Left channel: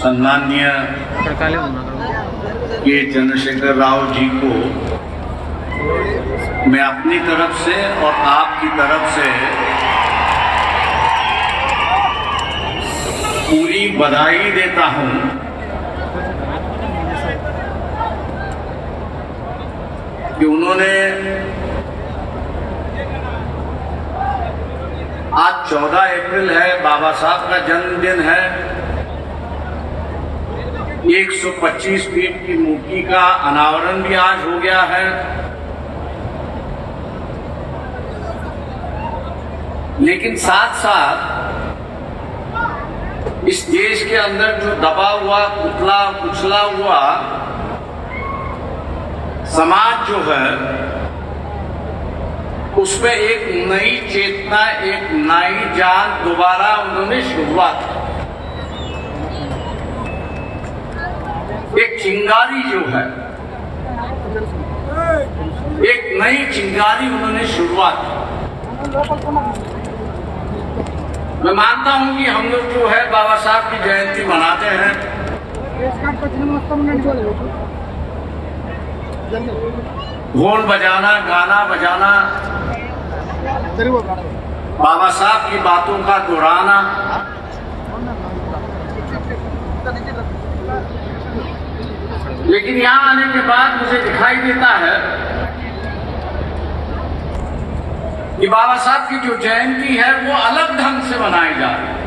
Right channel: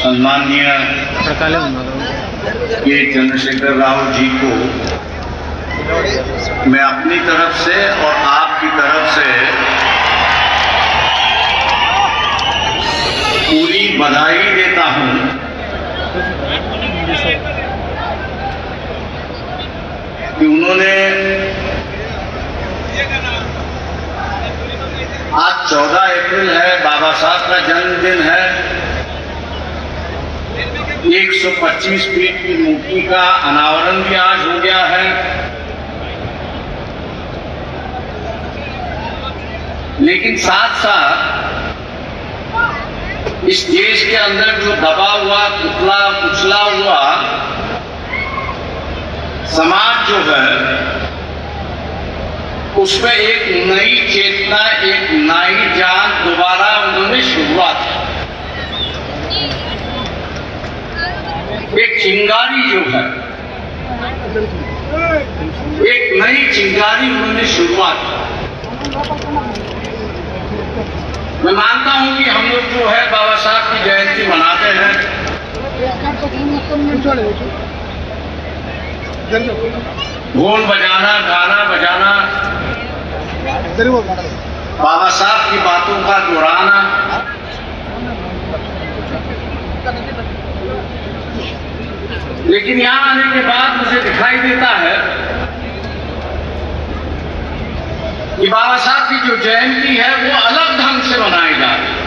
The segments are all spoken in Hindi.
सम्माननीय के चंद्रशेखर राव जी को मैं अपनी तरफ से और आपकी तरफ से पूरी बधाई देता हूं कि उन्होंने आज 14 अप्रैल है, बाबा साहब का जन्मदिन है। 125 फीट की मूर्ति का अनावरण भी आज हो गया है। लेकिन साथ साथ इस देश के अंदर जो दबा हुआ, कुचला हुआ समाज जो है, उसमें एक नई चेतना, एक नई जान दोबारा उन्होंने शुरुआत की। एक चिंगारी जो है, एक नई चिंगारी उन्होंने शुरुआत की। मैं मानता हूं कि हम लोग जो है बाबा साहब की जयंती मनाते हैं, ढोल बजाना, गाना बजाना, बाबा साहब की बातों का दोहराना, लेकिन यहां आने के बाद मुझे दिखाई देता है कि बाबा साहब की जो जयंती है वो अलग ढंग से मनाई जा रही है।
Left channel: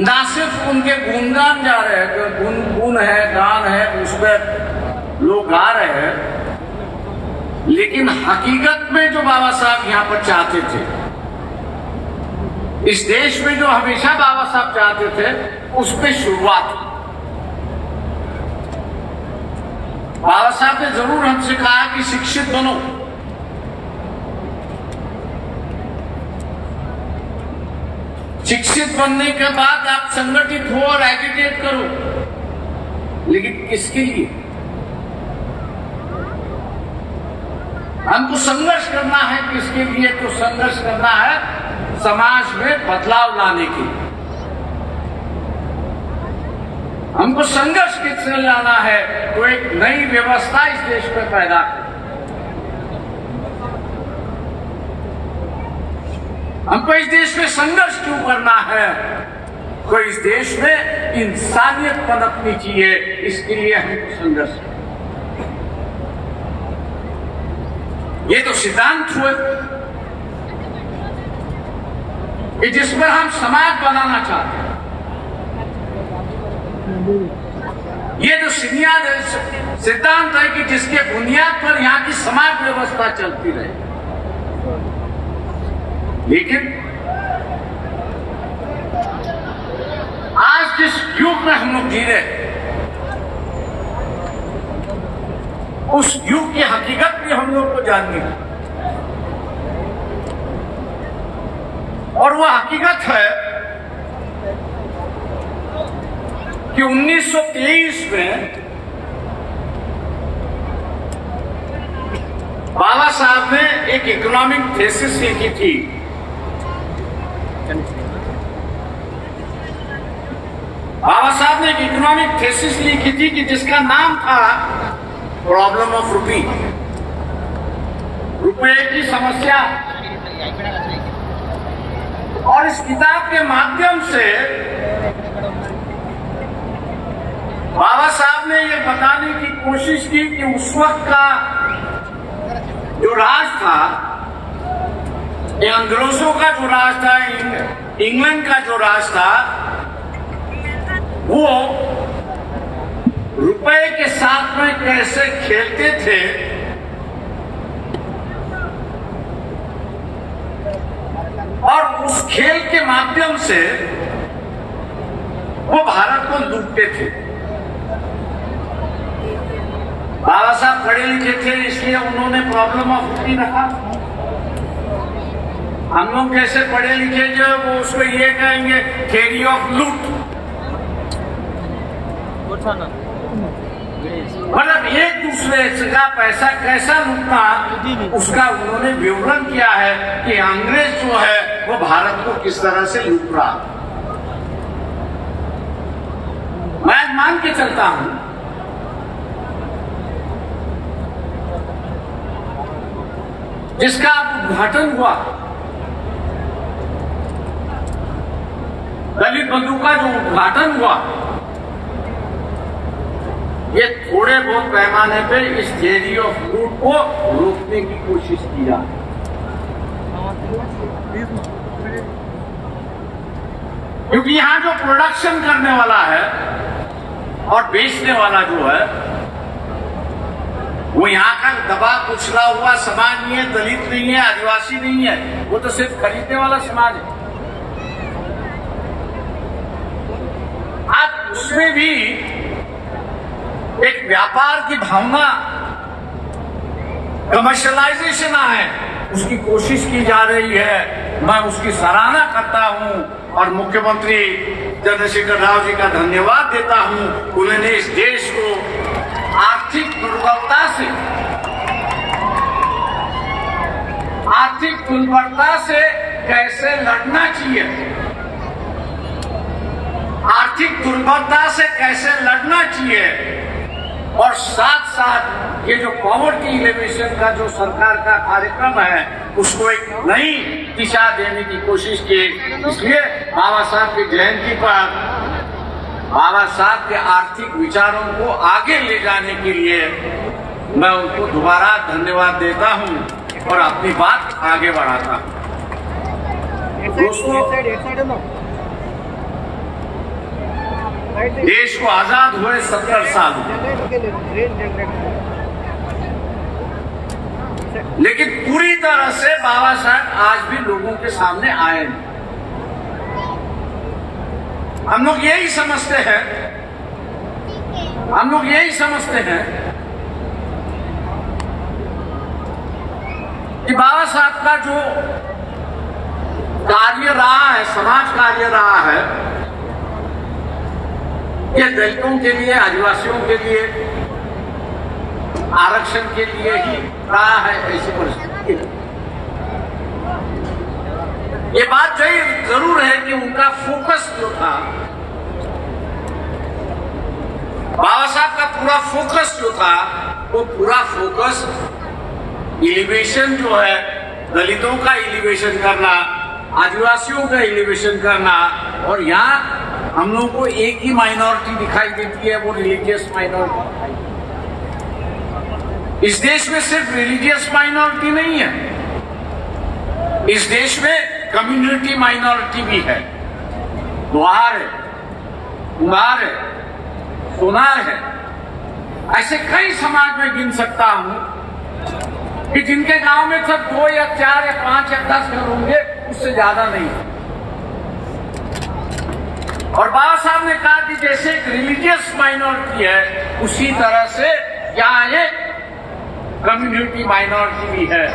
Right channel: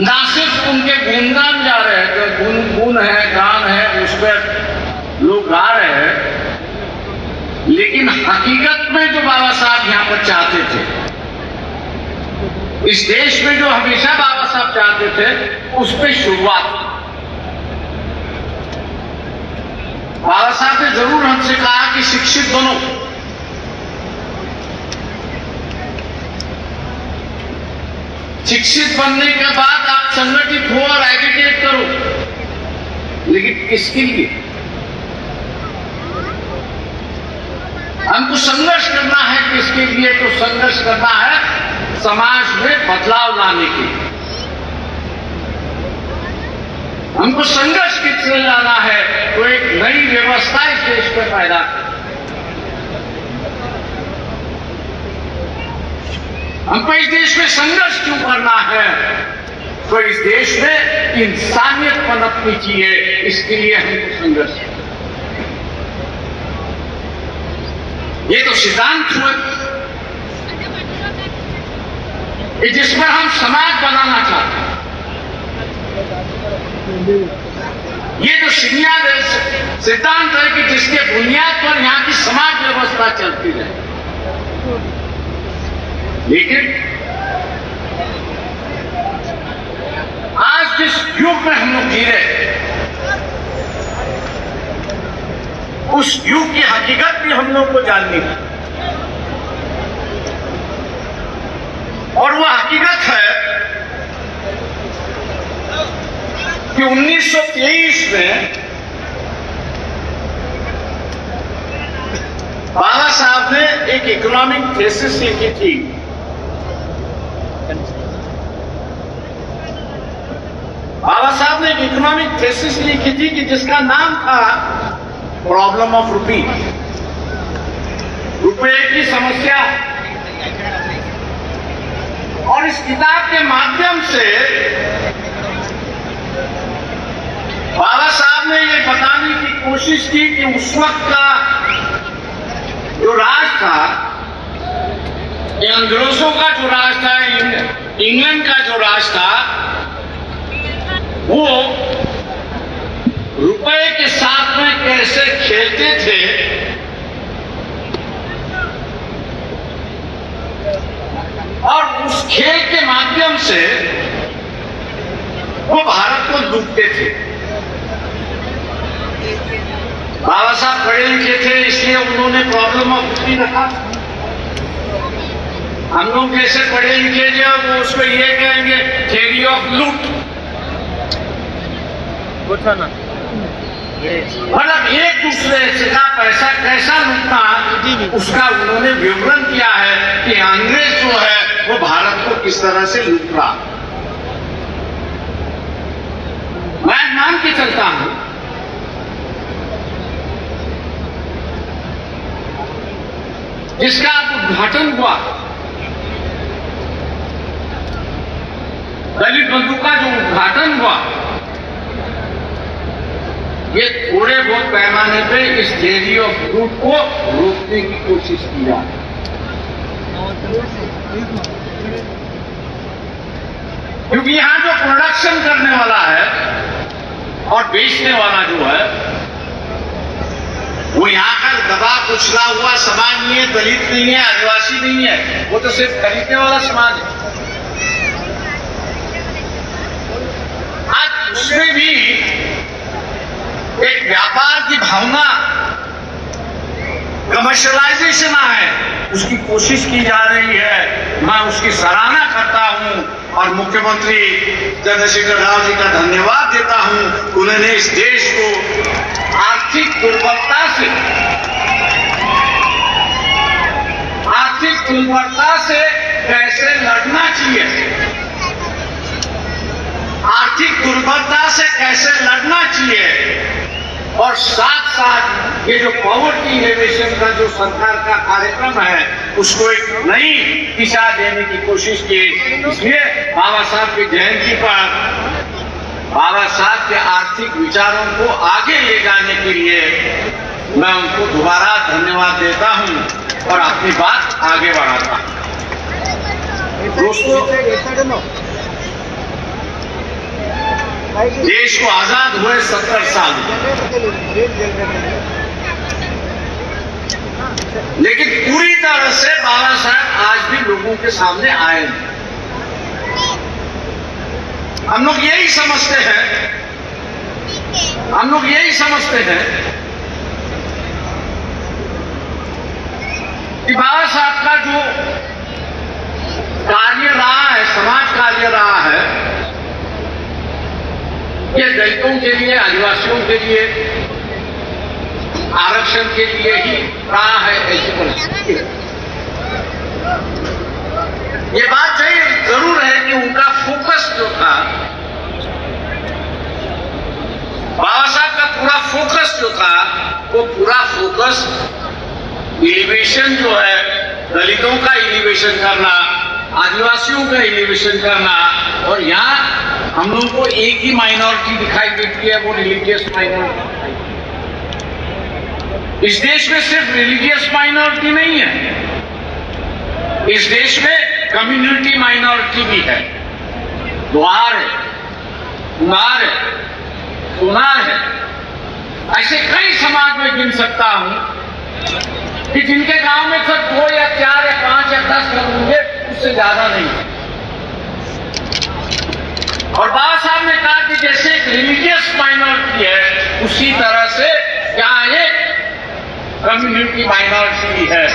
ना सिर्फ उनके गुणगान जा रहे हैं, गुण है, गान है, उस पर लोग गा रहे हैं, लेकिन हकीकत में जो बाबा साहब यहाँ पर चाहते थे, इस देश में जो हमेशा बाबा साहब चाहते थे, उस पर शुरुआत। बाबा साहब ने जरूर हमसे कहा कि शिक्षित बनो, शिक्षित बनने के बाद आप संगठित हो और एजुकेट करो, लेकिन किसके लिए? हमको संघर्ष करना है। किसके लिए? तो संघर्ष करना है समाज में बदलाव लाने के लिए। हमको संघर्ष किससे लाना है? तो एक नई व्यवस्था इस देश में पैदा कर। हमको इस देश में संघर्ष क्यों करना है? तो इस देश में इंसानियत पनपनी चाहिए, इसके लिए हमको संघर्ष। ये तो सिद्धांत हुए जिस पर हम समाज बनाना चाहते हैं। ये तो सिद्धांत है कि जिसके बुनियाद पर यहाँ की समाज व्यवस्था चलती रहे। लेकिन आज जिस युग में हम लोग जी रहे, उस युग की हकीकत भी हम लोग को जाननी है। और वो हकीकत है कि 1923 में बाबा साहब ने एक इकोनॉमिक थीसिस लिखी थी। बाबा साहब ने एक इकोनॉमिक थीसिस लिखी थी कि जिसका नाम था प्रॉब्लम ऑफ रुपी, रुपए की समस्या। और इस किताब के माध्यम से बाबा साहब ने ये बताने की कोशिश की कि उस वक्त का जो राज था, अंग्रेजों का जो राज था, इंग्लैंड का जो राज था, वो रुपए के साथ में कैसे खेलते थे और उस खेल के माध्यम से वो भारत को लूटते थे। बाबा साहब पढ़े लिखे थे, इसलिए उन्होंने प्रॉब्लम ऑफ रुपी रखा। हम लोग जैसे पढ़े लिखे जो वो उसको ये कहेंगे थ्योरी ऑफ लूट। मतलब एक दूसरे का पैसा कैसा लूटना, उसका उन्होंने विवरण किया है कि अंग्रेज जो है वो भारत को किस तरह से लूट रहा। मैं मान के चलता हूं जिसका उद्घाटन हुआ, दलित बंधु का जो उद्घाटन हुआ, ये थोड़े बहुत पैमाने पे इस थ्योरी ऑफ लूट को रोकने की कोशिश किया। क्योंकि यहां जो प्रोडक्शन करने वाला है और बेचने वाला जो है, वो यहाँ का दबा कुचला हुआ समाज नहीं है, दलित नहीं है, आदिवासी नहीं है, वो तो सिर्फ खरीदने वाला समाज है। आज उसमें भी एक व्यापार की भावना, कमर्शियलाइजेशन है, उसकी कोशिश की जा रही है। मैं उसकी सराहना करता हूं और मुख्यमंत्री चंद्रशेखर राव जी का धन्यवाद देता हूं। उन्होंने इस देश को आर्थिक दुर्बलता से कैसे लड़ना चाहिए, आर्थिक दुर्बलता से कैसे लड़ना चाहिए, और साथ साथ ये जो पॉवर्टी एलिवेशन का जो सरकार का कार्यक्रम है, उसको एक नई दिशा देने की कोशिश की। इसलिए बाबा साहब की जयंती पर बाबा साहब के आर्थिक विचारों को आगे ले जाने के लिए मैं उनको दोबारा धन्यवाद देता हूं और अपनी बात आगे बढ़ाता हूं। दोस्तों, देश को आजाद हुए 70 साल हुए, लेकिन पूरी तरह से बाबा साहब आज भी लोगों के सामने आए नहीं। हम लोग यही समझते हैं कि बाबा साहब का जो कार्य रहा है, समाज कार्य रहा है, ये दलितों के लिए, आदिवासियों के लिए, आरक्षण के लिए ही रहा है। ऐसी परिस्थिति ये बात जरूर है कि उनका फोकस जो था, बाबा साहब का पूरा फोकस जो था, वो पूरा फोकस एलिवेशन जो है, दलितों का एलिवेशन करना, आदिवासियों का एलिवेशन करना, और यहाँ हम लोगों को एक ही माइनॉरिटी दिखाई देती है, वो रिलीजियस माइनॉरिटी। इस देश में सिर्फ रिलीजियस माइनॉरिटी नहीं है, इस देश में कम्युनिटी माइनॉरिटी भी है। लोहार है, कुम्हार है, सोनार है, ऐसे कई समाज में गिन सकता हूं कि जिनके गांव में सिर्फ 2 या 4 या 5 या 10 घर होंगे, उससे ज्यादा नहीं। और बाबा साहब ने कहा कि जैसे एक रिलीजियस माइनॉरिटी है, उसी तरह से क्या एक कम्युनिटी माइनॉरिटी है।